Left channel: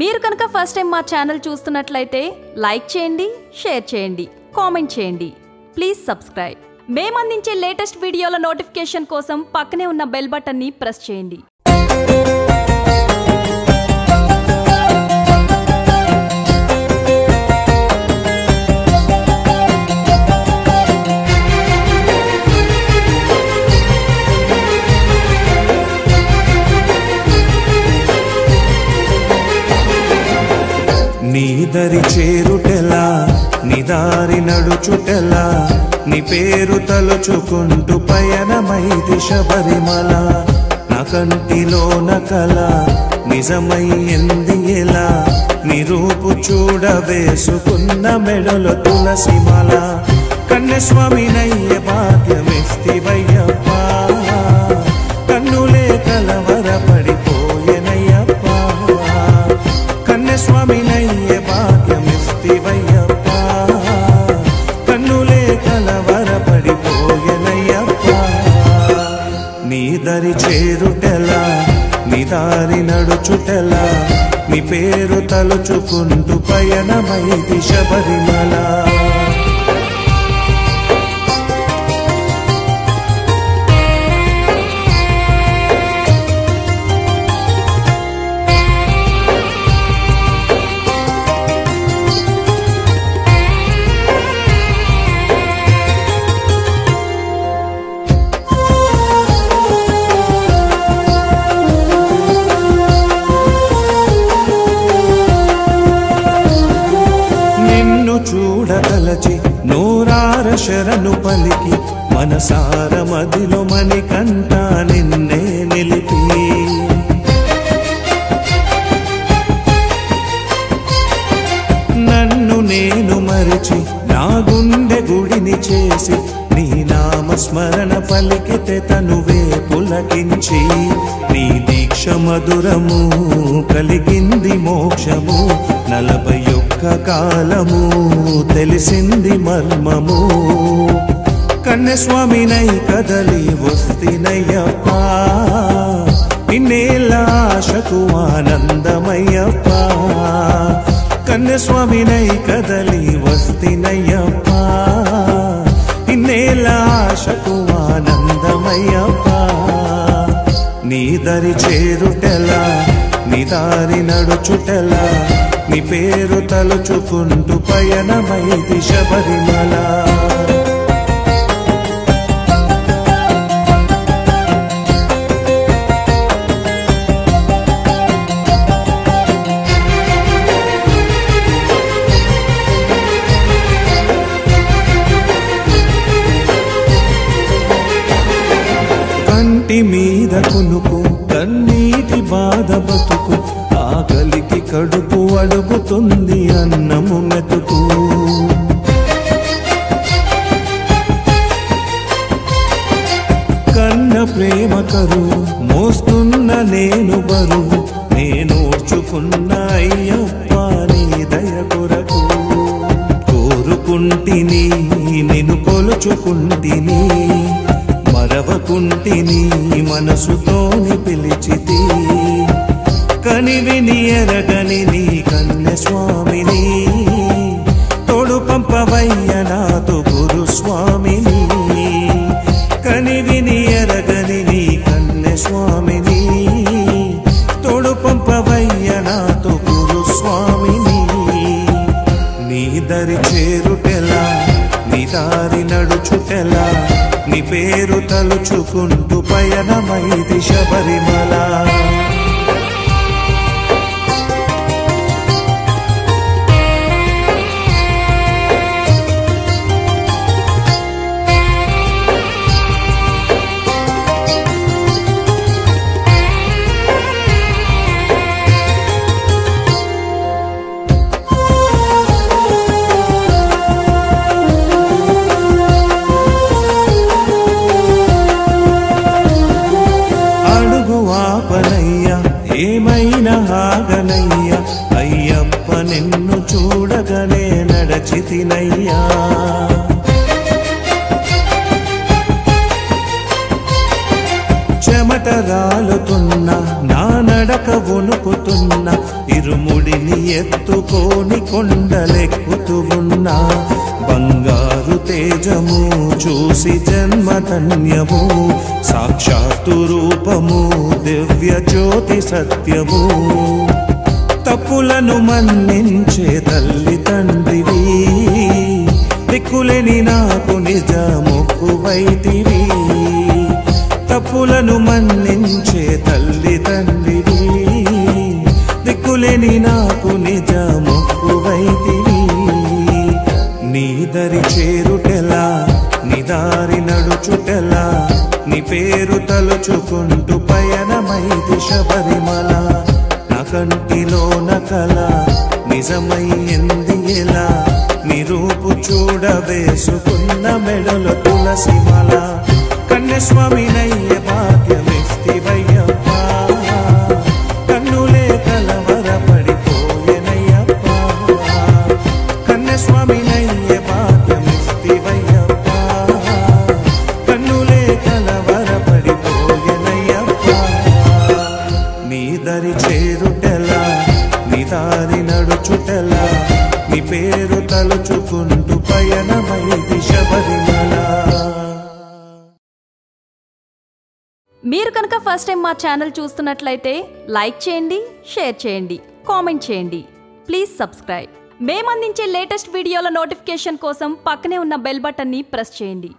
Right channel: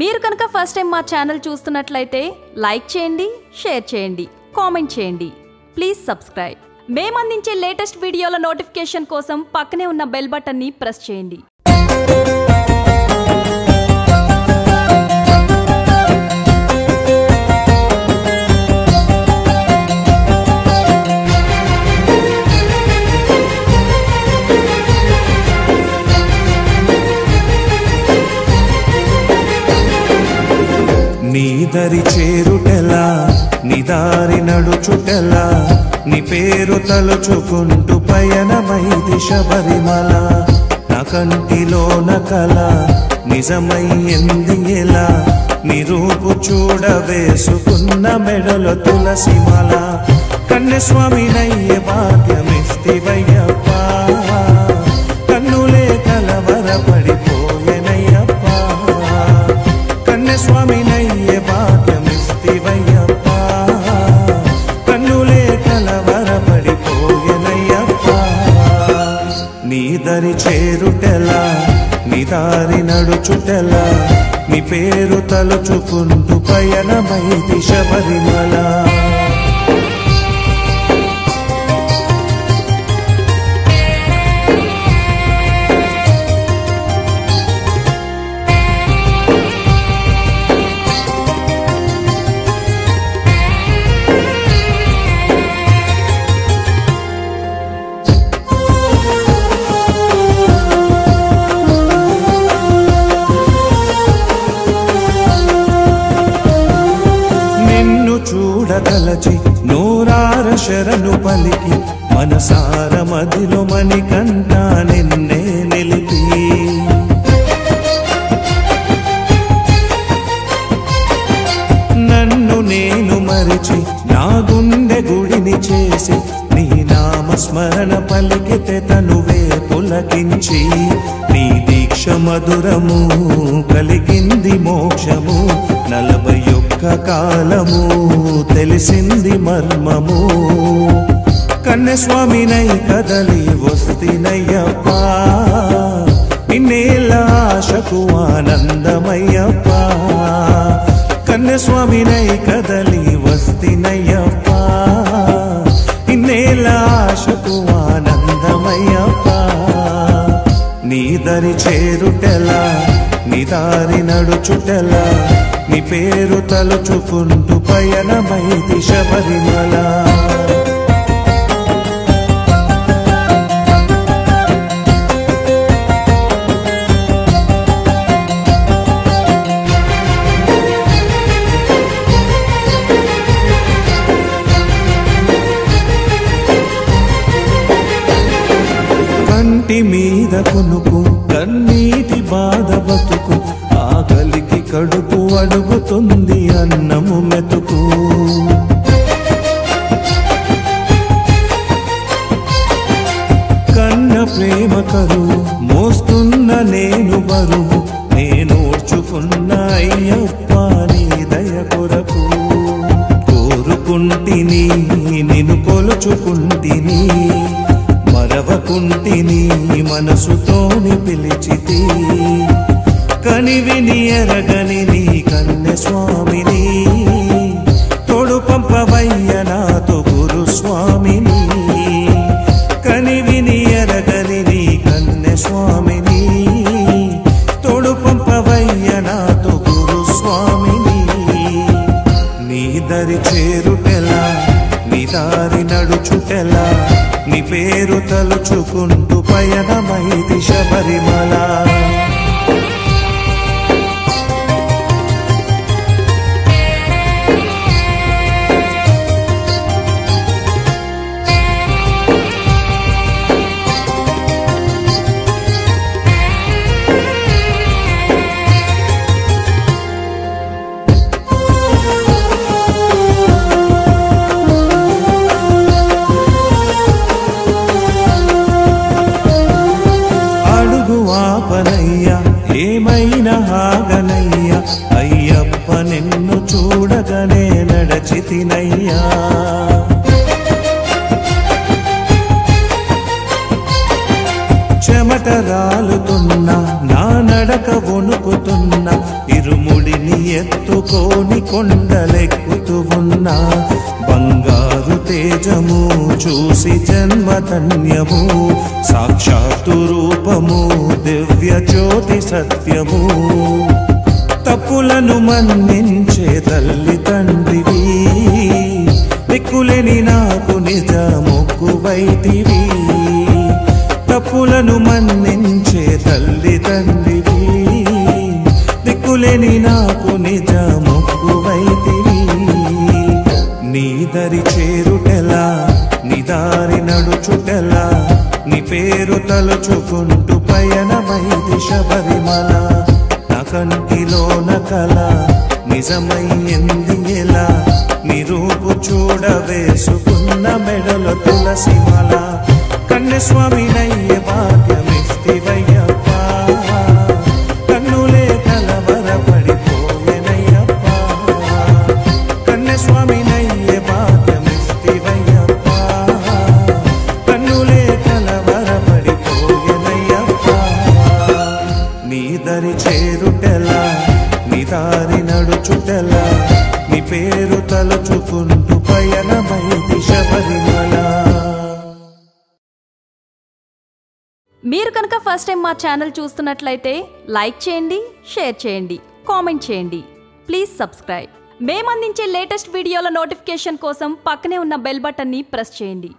మీరు కనుక first time మా ఛానల్ చూస్తున్నట్లయితే లైక్ చేయండి, షేర్ చేయండి, కామెంట్ చేయండి. Please subscribe. మేము అందించే లేటెస్ట్ వీడియోల నోటిఫికేషన్ కోసం పక్కనే ఉన్న బెల్ బటన్ని ప్రెస్ చేయండి. నీ దరి చేరుటెలా, నీ దారి నడుచుటెలా, నీ పేరు తలుచుకుంటూ పయనమైది శబరిమల. నా కంటిలోన కల నిజమయ్యింది ఎలా, నీ రూపు చూడ వేసుకున్న మెడలో తులసిమాల. కన్యస్వామినయ్యే భాగ్యమిస్తివయ్యప్ప, కన్నులే కలవరపడిపోయెనయ్యప్ప. కన్యస్వామినయ్యే భాగ్యమిస్తివయ్యప్ప, కన్నులే కలవరపడిపోయెనయ్యప్ప. నీ దరి చేరుటెలా, నీ దారి నడుచుటెలా, నీ పేరు తలుచుకుంటూ పయనమైది శబరిమల. చూడతలచి నూరార శరణు పలికి, మనసార మదిలో మణికంఠ నిన్నే నిలిపి. నన్ను నేను మరిచి నా గుండె గుడిని చేసి, నీ నామస్మరణ పలికితే తనువే పులకించి. నీ దీక్ష మధురము కలిగింది మోక్షము, 41 కాలము తెలిసింది మర్మము. కన్యస్వామినై కదలి వస్తినయ్యప్ప, ఇన్నేళ్ళ ఆశకు ఆనందమయ్యప్ప. కన్యస్వామినై కదలి వస్తినయ్యప్ప, ఇన్నేళ్ళ ఆశకు ఆనందమయ్యప్ప. నీ దరి చేరుటెలా, నీ దారి నడుచుటెలా, నీ పేరు తలుచుకుంటూ పయనమైది శబరిమల. కంటి మీద కునుకు, కన్నీటి బాధ బతుకు, ఆకలికి కడుపు అడుగుతుంది అన్నము మెతుకు. కన్న ప్రేమ కరువు మోస్తున్న నేను బరువు, నేనోర్చుకున్న అయ్యప్ప నీ దయ కొరకు. కోరుకుంటిని నిన్ను కొలుచుకుంటిని, మరవకుంటిని మనసుతోని పిలిచితి. కనివిని ఎరగని నీ కన్యస్వామిని, తోడు పంపవయ్య నాతో గురుస్వామిని. కనివిని ఎరగని నీ కన్యస్వామిని, తోడు పంపవయ్య నాతో గురుస్వామిని. నీ దరి చేరుటెలా, నీ దారి నడుచుటెలా, నీ పేరు తలుచుకుంటూ పయనమైది శబరిమల. ఆపనయ్యా ఏమైనా ఆగనయ్యా, అయ్యప్ప నిన్ను చూడగానే నడచితినయ్యా. చెమట రాలుతున్నా నా నడక వణుకుతున్నా ఇరుముడిని ఎత్తుకోని కొండలెక్కుతూ ఉన్నా బంగారు తేజము చూసి జన్మధన్యము సాక్షాత్తు రూపము దివ్య జ్యోతి సత్యము తప్పులను మన్నించే తల్లి తండ్రివి దిక్కులేని నాకు నిజ మొక్కువైతివి తప్పులను మన్నించే తల్లి తండ్రివి దిక్కులేని నాకు నిజ మొక్కువైతివి నీ దరి చేరుటెలా నీ దారి నడుచుటెలా నీ పేరు తలుచుకుంటూ పయనమైది శబరిమల నా కంటిలోన కల నిజమయ్యింది ఎలా నీ రూపు చూడవేసుకున్న మెడలో తులసిమాల కన్యస్వామినయ్యే భాగ్యమిస్తివయ్యప్ప కన్నులే కలవరపడిపోయెనయ్యప్ప కన్యస్వామినయ్యే భాగ్యమిస్తివయ్యప్ప కన్నులే కలవరపడిపోయెనయ్యప్ప నీ దరి చేరుటెలా నీ దారి నడుచుటెలా నీ పేరు తలుచుకుంటూ పయనమైది శబరిమల మీరు కనుక ఫస్ట్ టైం మా ఛానల్ చూస్తున్నట్లయితే లైక్ చేయండి షేర్ చేయండి కామెంట్ చేయండి ప్లీజ్ సబ్స్క్రైబ్ మేము అందించే లేటెస్ట్ వీడియోల నోటిఫికేషన్ కోసం పక్కనే ఉన్న బెల్ బటన్ని ప్రెస్ చేయండి